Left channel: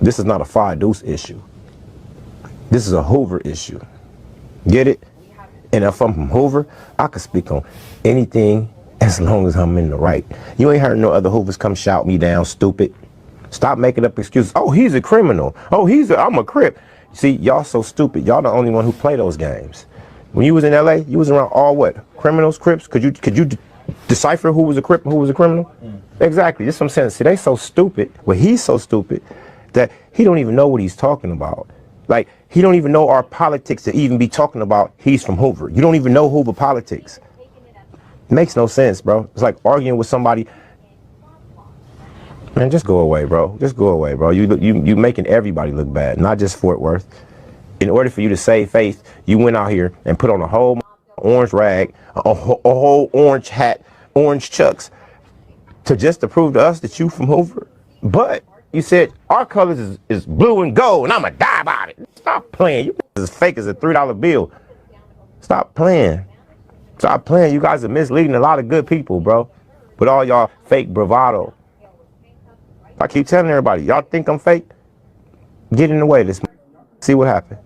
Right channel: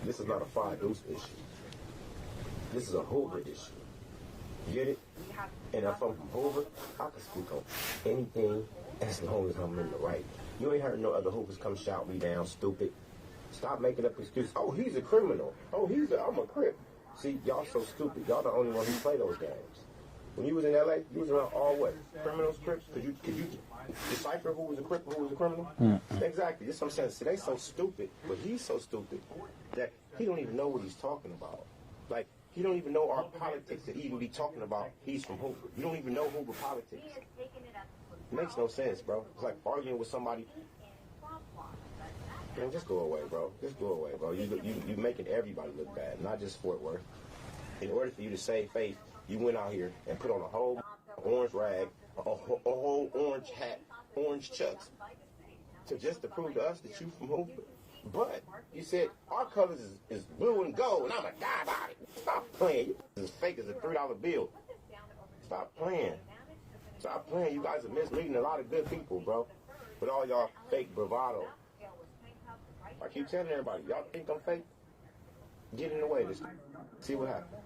This is not a Duece issue. This is a Hoover issue. Get it? And if I'm from Hoover, I could speak on anything as long as I'm in the right. You ain't heard no other Hoovers come shout me down, stupid. Stop making up excuses. Oh, he's a criminal. Oh, I'm a Crip. See, y'all so stupid. Y'all the only one who play those games. When you was in LA, you was around all what? Criminals, Crips? Could you decipher who was a Crip and who was a criminal? Exactly. That's what I'm saying. See, they so stupid. Well, he's so stupid that he don't even know what he's talking about. Like, he don't even know our politics to even be talking about he's from Hoover. You don't even know Hoover politics. It makes no sense, bro. It's like arguing with somebody. Man, just go away, bro. Just go away, bro. You making everybody look bad, not just Fort Worth. In order for you to save face, you went out here and put on a whole orange rag, a whole orange hat, orange chucks, to prove to us that you from Hoover. But you said our colors is blue and gold, and I'ma die about it. Stop playing. You as fake as a $3 bill. Stop playing. Stop playing. You guys are misleading a lot of good people, bro. With all y'all fake bravado. I keep telling everybody, y'all think I'm fake? Get in the way. Let's see what happened.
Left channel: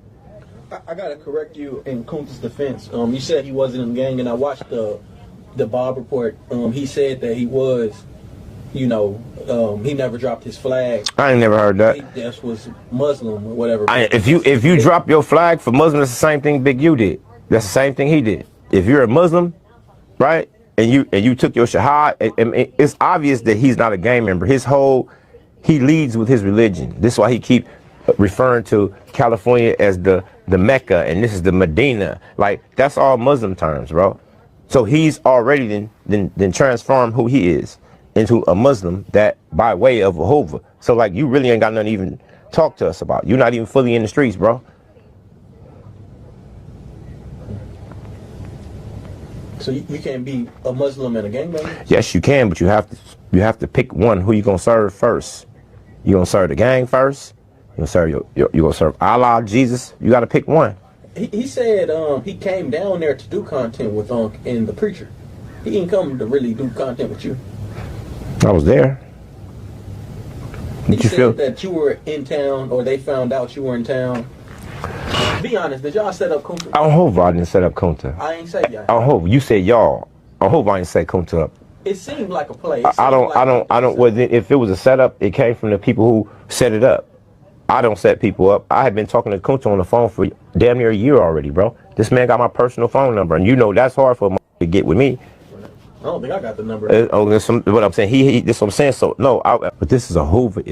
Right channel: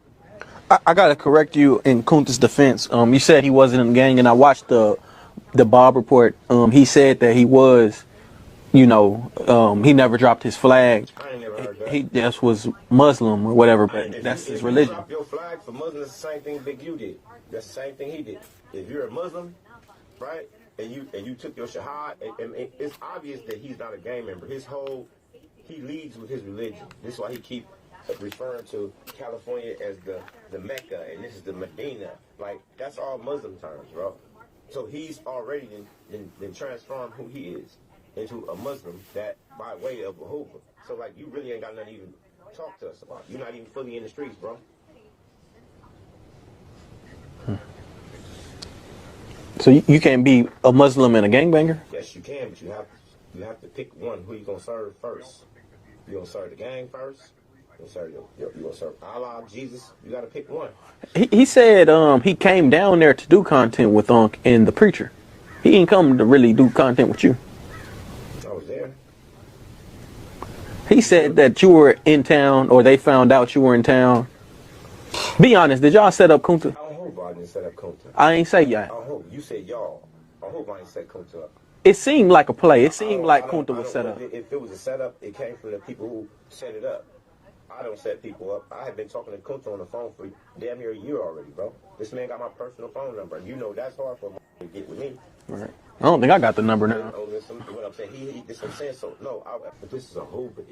I gotta correct you in Kunta's defense. You said he wasn't in the gang, and I watched the Bob report. He said that he was, he never dropped his flag. I ain't never heard that. He just was Muslim or whatever. If you drop your flag for Muslim, that's the same thing Big U did. That's the same thing he did. If you're a Muslim, right, and you took your shahad, it's obvious that he's not a gang member. He leads with his religion. This is why he keep referring to California as the Mecca, and this is the Medina. Like, that's all Muslim terms, bro. So he's already then transformed who he is into a Muslim that by way of a Hoover. So like, you really ain't got nothing to even talk to us about. You're not even fully in the streets, bro. So you can't be a Muslim and a gangbanger? Yes, you can, but you have to pick one. Who you gonna serve first? You gonna serve the gang first? You gonna serve Allah, Jesus? You gotta pick one. He said he came down there to do content with Unc and the preacher. He didn't come to really do content with you. I was there. He said that you were in town, or they found out you were in town. Be honest, did y'all set up Kunta? I hope I didn't set up Kunta. I ain't say y'all. I hope you said y'all. I hope I didn't set Kunta up. It seemed like a play. I don't. Well, if it was a setup, it came from the people who set it up. I don't set people up. I had been talking to Kunta on the phone for damn near a year already, bro. This man got my personal phone number, and you know that's hard for a to get with me. Right. I don't think I got the number. That's what I'm saying. This is what I'm saying. So no, but this is a Hoover issue.